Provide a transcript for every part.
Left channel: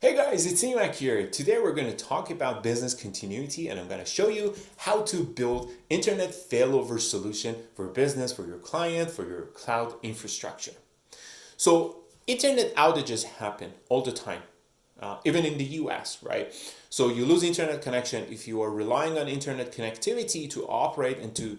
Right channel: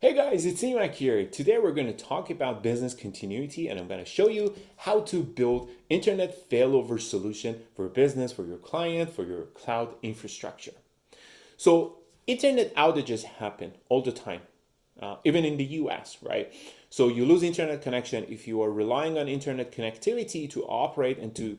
Hey guys, it's Emac here. Today we're going to talk about business continuity and I'm going to show you how to build internet failover solution for business, for your client, for your cloud infrastructure. So internet outages happen all the time, even in the US, right? So you lose internet connection. If you are relying on internet connectivity to operate and to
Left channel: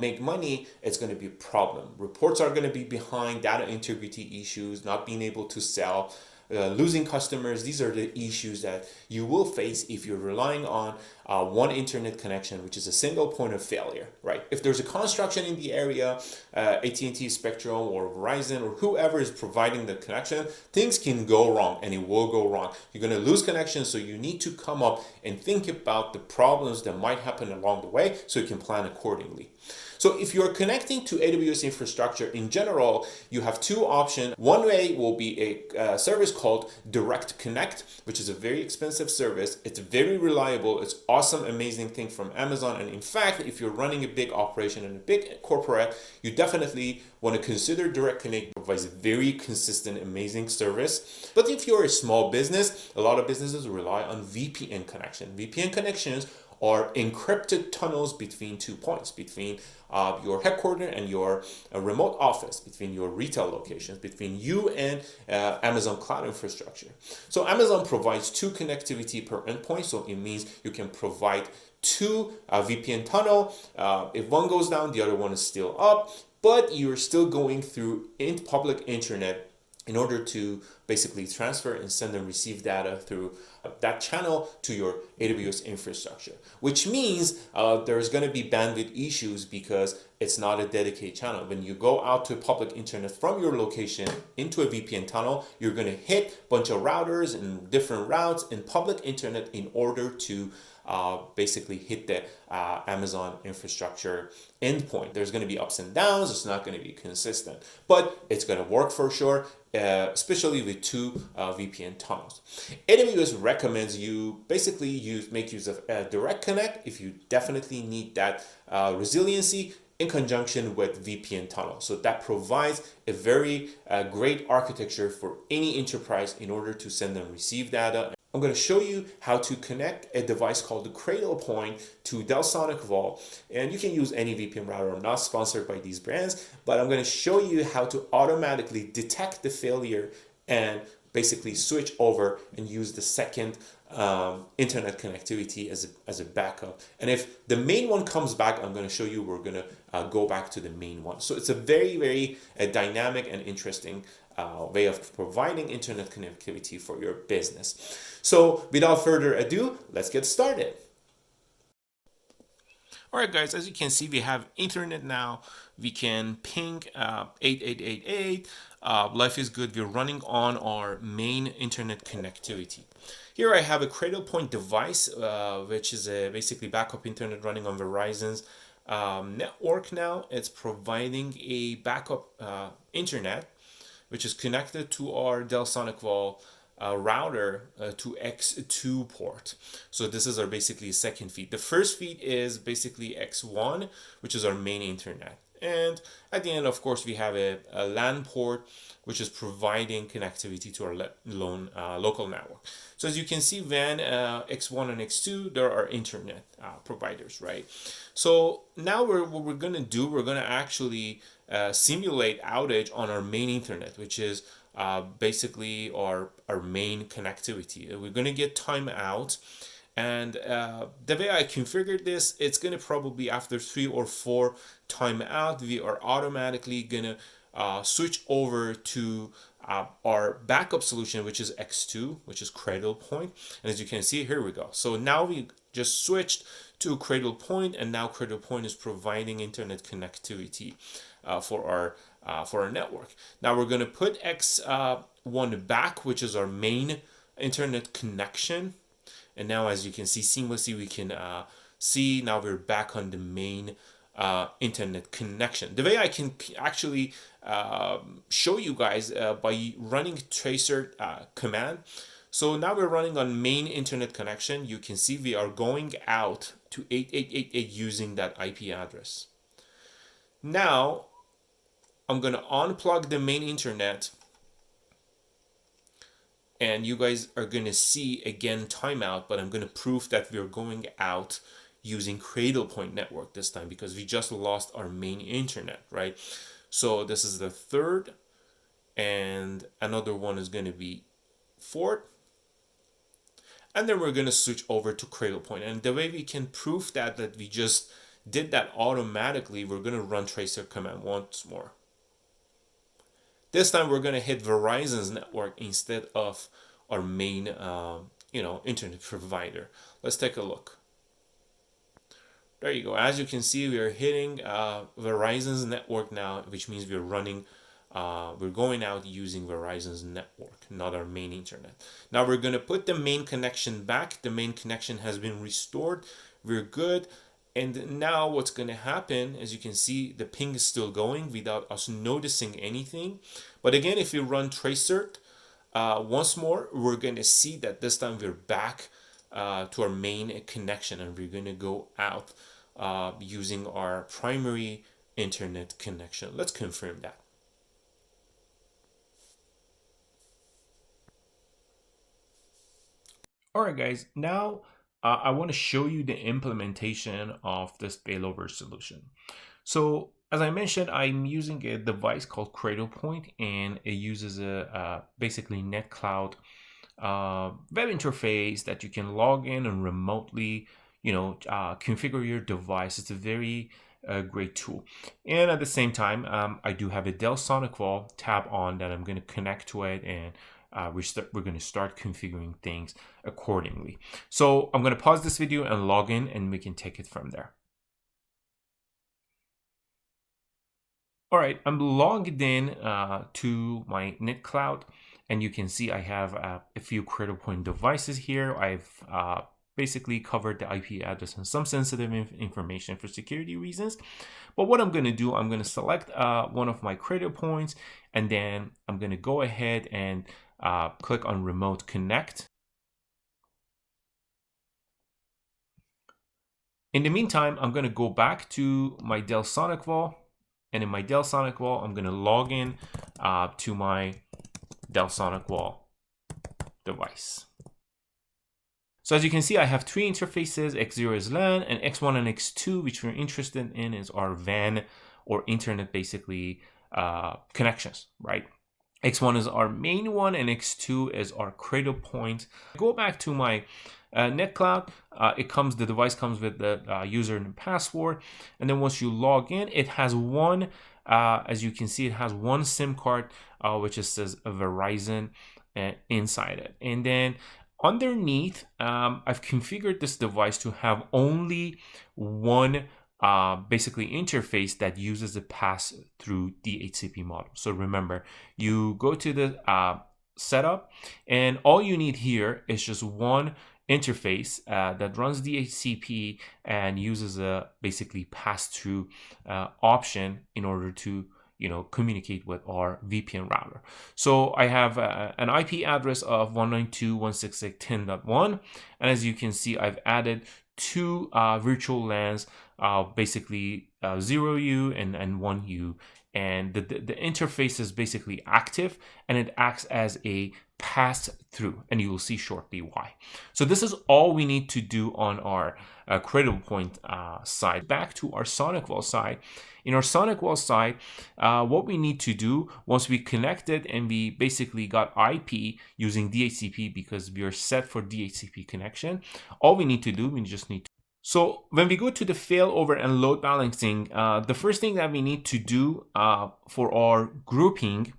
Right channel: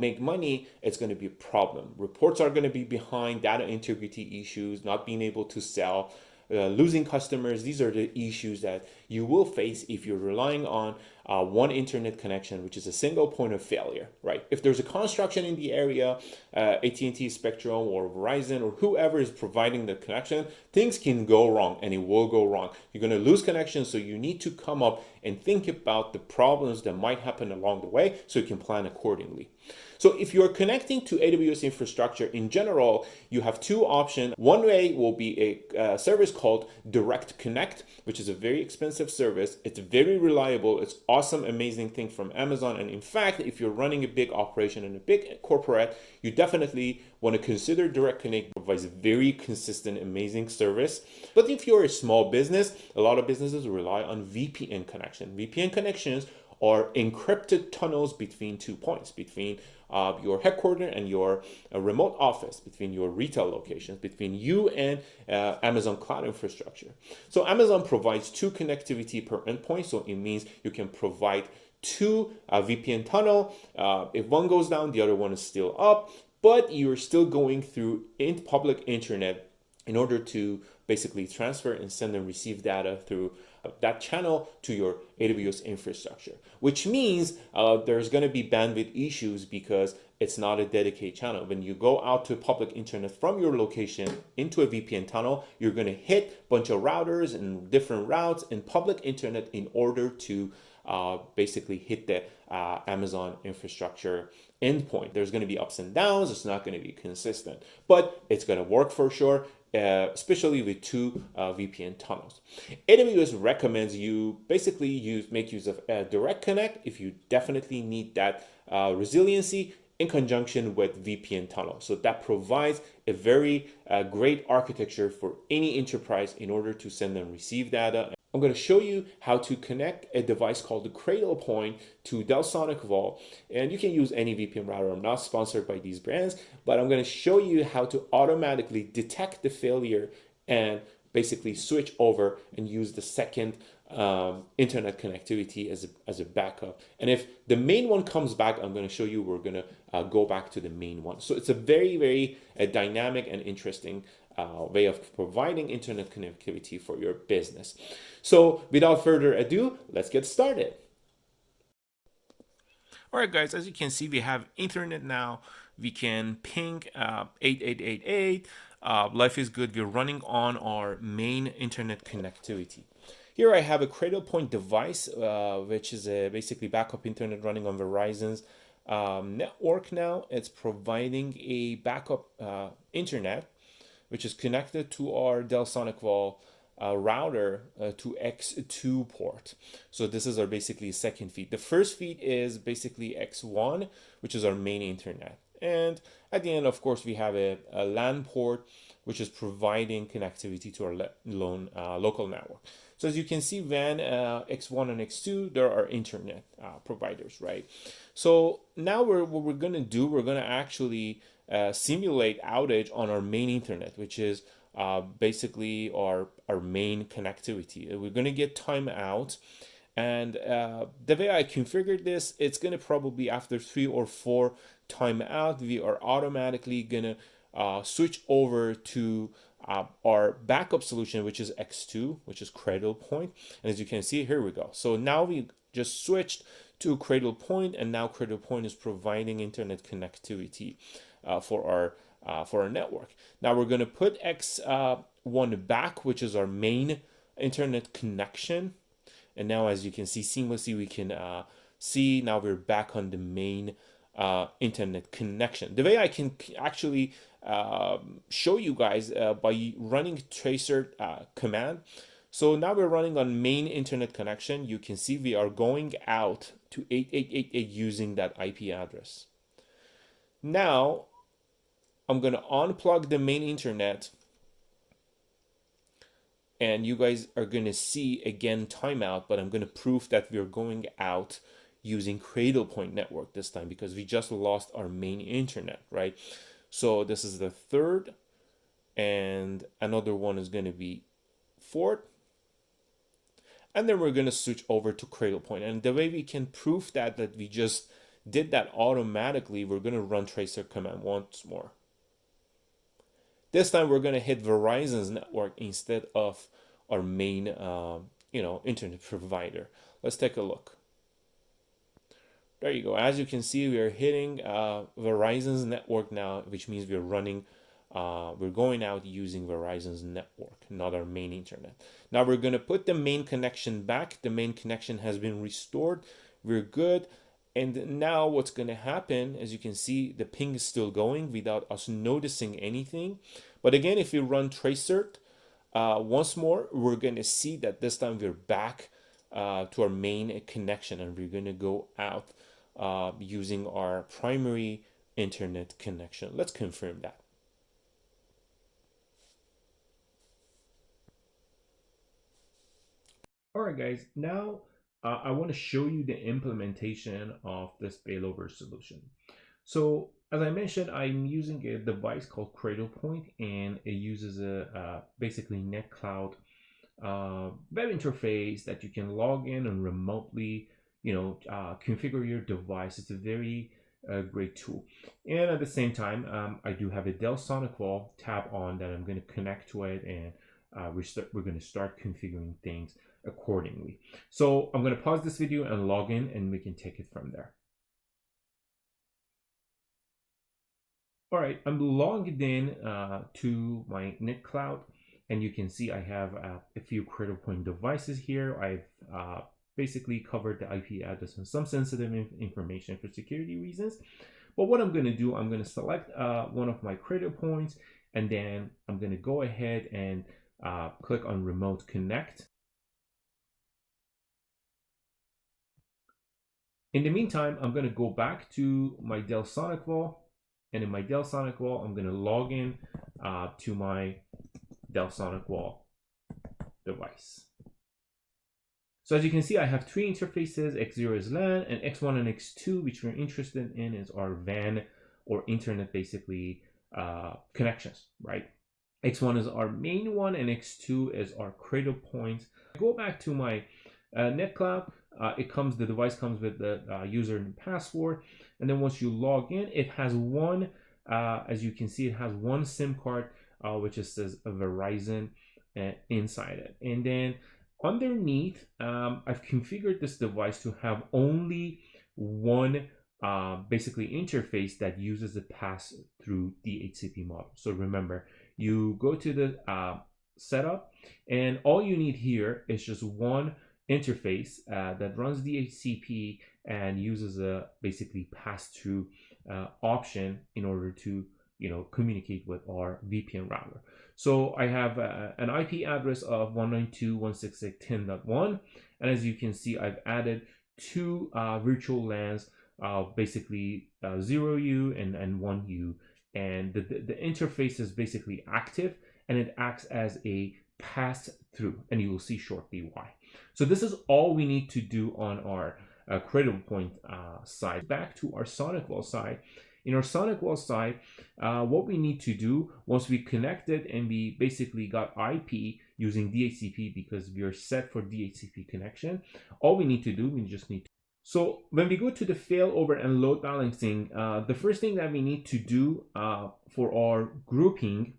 make money, it's going to be a problem. Reports are going to be behind, data integrity issues, not being able to sell, losing customers. These are the issues that you will face if you're relying on one internet connection, which is a single point of failure, right? If there's a construction in the area, AT&T, Spectrum, or Verizon, or whoever is providing the connection, things can go wrong, and it will go wrong. You're going to lose connection, so you need to come up and think about the problems that might happen along the way, so you can plan accordingly. So if you're connecting to AWS infrastructure in general, you have two options. One way will be a service called Direct Connect, which is a very expensive service. It's very reliable. It's awesome, amazing thing from Amazon. And in fact, if you're running a big operation and a big corporate, you definitely want to consider Direct Connect. Provides very consistent, amazing service. But if you're a small business, a lot of businesses rely on VPN connection. VPN connections are encrypted tunnels between 2 points, between your headquarters and your remote office, between your retail locations, between you and Amazon cloud infrastructure. So Amazon provides two connectivity per endpoint, so it means you can provide two VPN tunnel. If one goes down, the other one is still up, but you're still going through public internet in order to basically transfer and send and receive data through that channel to your AWS infrastructure, which means there's going to be bandwidth issues because it's not a dedicated channel. When you go out to public internet from your location into a VPN tunnel, you're going to hit a bunch of routers and different routes in public internet in order to basically hit the Amazon infrastructure endpoint. There's going to be ups and downs. It's not going to be consistent, but it's going to work for sure, especially with two VPN tunnels. AWS recommends you basically make use of Direct Connect if you definitely need that resiliency in conjunction with VPN tunnel. So that provides a very great architecture for any enterprise in order to send and receive data. I'm going to show you how to connect a device called the Cradlepoint to Dell Sonicwall, and you can use any VPN router. I'm not sponsored by these brands, but I'm going to show you how to automatically detect the failure and basically switch over and use the second internet connectivity as a backup. And if the main one comes back, I'm going to show you we're going to go back to the main one. So it's a very dynamic and interesting way of providing internet connectivity for your business. So without further ado, let's get started. All right, guys, as you can see, we have internet now. We can ping 8888. Life is good. We're running on our main internet connectivity. Here I have a Cradlepoint device, which is a basically backup internet running on Verizon's network now. It's providing a backup internet which is connected to our Dell Sonicwall router to X2 port. So this is our basically second feed. The first feed is basically X1, which is our main internet. And at the end, of course, we have a LAN port, which is providing connectivity to our local network. So as you can see, WAN, X1 and X2, there are internet providers, right? So now what we're going to do, we're going to actually simulate outage on our main internet, which is basically our main connectivity. We're going to get timeout. And the way I configured this, it's going to probably after 3 or 4 timeout, we are automatically going to switch over to our backup solution, which is X2, which is Cradlepoint. And as you can see, here we go. So now we just switched to Cradlepoint, and now Cradlepoint is providing internet connectivity for our network. Now we're going to put X1 back, which is our main internet connection. And now, as you can see, seamlessly we can see now we're back on the main internet connection. The way I can actually show you guys by running tracer command. So now we're running on main internet connection. You can see we are going out to 8888 using that IP address. Now I'm going to unplug the main internet And you guys are going to see again timeout, but I'm going to prove that we're going out using Cradlepoint network this time because we just lost our main internet, right? So this is the third, and another one is going to be fourth. And then we're going to switch over to Cradlepoint. And the way we can prove that we just did that automatically, we're going to run tracer command once more. This time we're going to hit Verizon's network instead of our main internet provider. Let's take a look. There you go. As you can see, we are hitting Verizon's network now, which means we're going out using Verizon's network, not our main internet. Now we're going to put the main connection back. The main connection has been restored. We're good. And now what's going to happen, as you can see, the ping is still going without us noticing anything. But again, if we run tracer once more, we're going to see that this time we're back to our main connection, and we're going to go out using our primary internet connection. Let's confirm that. All right, guys, now I want to show you the implementation of this failover solution. So as I mentioned, I'm using a device called Cradlepoint, and it uses a basically NetCloud web interface that you can log in and remotely, configure your device. It's a very great tool. And at the same time, I do have a Dell Sonicwall tab on that I'm going to connect to it, and we're going to start configuring things accordingly. So I'm going to pause this video and log in, and we can take it from there. All right, I'm logged in to my NetCloud, and you can see I have a few Cradlepoint devices here. I've basically covered the IP address and some sensitive information for security reasons. But what I'm going to do, I'm going to select one of my Cradlepoints, and then I'm going to go ahead and click on Remote Connect. In the meantime, I'm going to go back to my Dell Sonicwall, and in my Dell Sonicwall, I'm going to log in to my Dell Sonicwall device. So as you can see, I have three interfaces. X0 is LAN, and X1 and X2, which we're interested in, is our WAN or internet basically connections, right? X1 is our main one, and X2 is our Cradlepoint. Go back to my NetCloud. The device comes with the user and password, and then once you log in, it has one. As you can see, it has one SIM card, which just says Verizon inside it, and then underneath, I've configured this device to have only one basically interface that uses a pass-through DHCP model. So remember, you go to the setup, and all you need here is just one interface that runs DHCP and uses a basically pass-through option in order to communicate with our VPN router. So I have an IP address of 192.168.10.1, and as you can see, I've added two virtual LANs, basically 0U and 1U, and the interface is basically active, and it acts as a pass-through, and you will see shortly why. So this is all we need to do on our Cradlepoint side. Back to our Sonicwall side. In our Sonicwall side, what we need to do once we connected and we basically got IP using DHCP because we are set for DHCP connection, all we need to do, So when we go to the failover and load balancing, the first thing that we need to do for our grouping,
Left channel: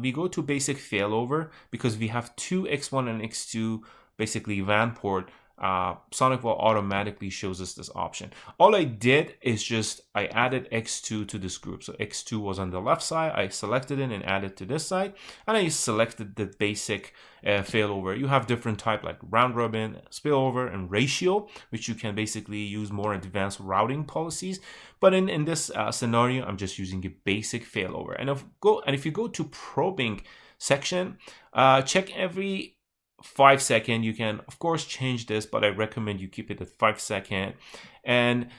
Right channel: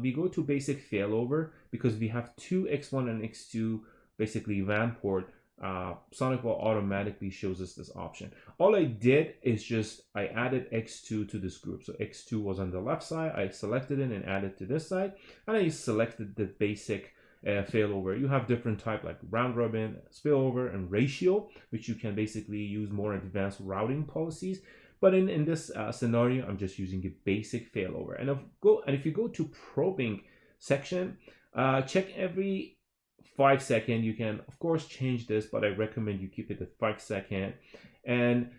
we go to basic failover because we have two X1 and X2 basically WAN port. Sonicwall automatically shows us this option. All I did is I added X2 to this group. So X2 was on the left side. I selected it and added to this side, and I selected the basic failover. You have different type like round robin, spillover, and ratio, which you can basically use more advanced routing policies. But in this scenario, I'm just using a basic failover. And if you go to probing section, check every 5 seconds. You can of course change this, but I recommend you keep it at 5 seconds. And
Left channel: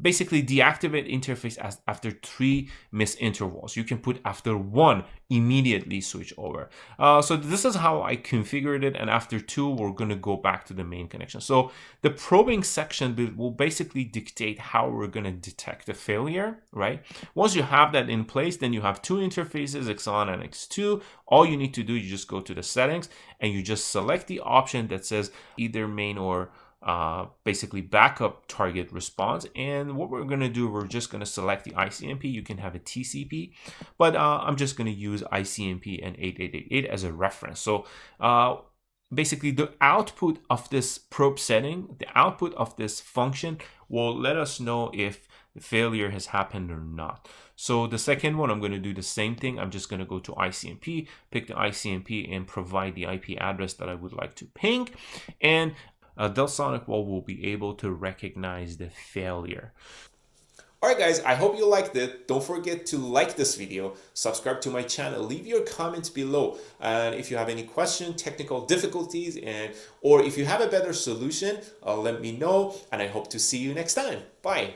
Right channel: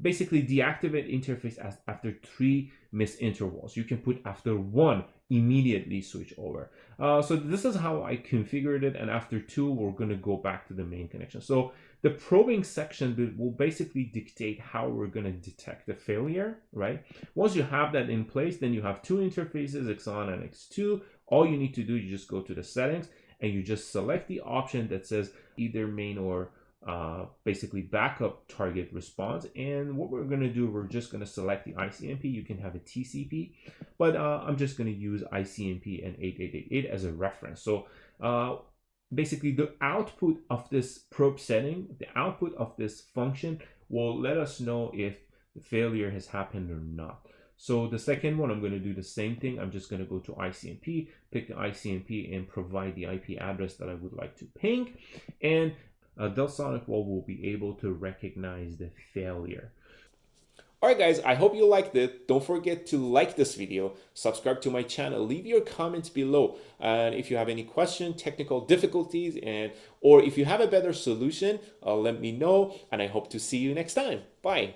basically deactivate interface after 3 missed intervals. You can put after 1, immediately switch over. So this is how I configured it, and after 2, we're going to go back to the main connection. So the probing section will basically dictate how we're going to detect a failure, right? Once you have that in place, then you have 2 interfaces, X1 and X2. All you need to do, you just go to the settings and you just select the option that says either main or basically backup target response. And what we're going to do, we're just going to select the ICMP. You can have a TCP, but I'm just going to use ICMP and 8888 as a reference. So basically the output of this probe setting, the output of this function will let us know if the failure has happened or not. So the second one, I'm going to do the same thing. I'm just going to go to ICMP, pick the ICMP, and provide the IP address that I would like to ping. And Dell Sonicwall will be able to recognize the failure. Alright guys, I hope you liked it. Don't forget to like this video, subscribe to my channel, leave your comments below. And if you have any questions, technical difficulties, or if you have a better solution, let me know. And I hope to see you next time. Bye.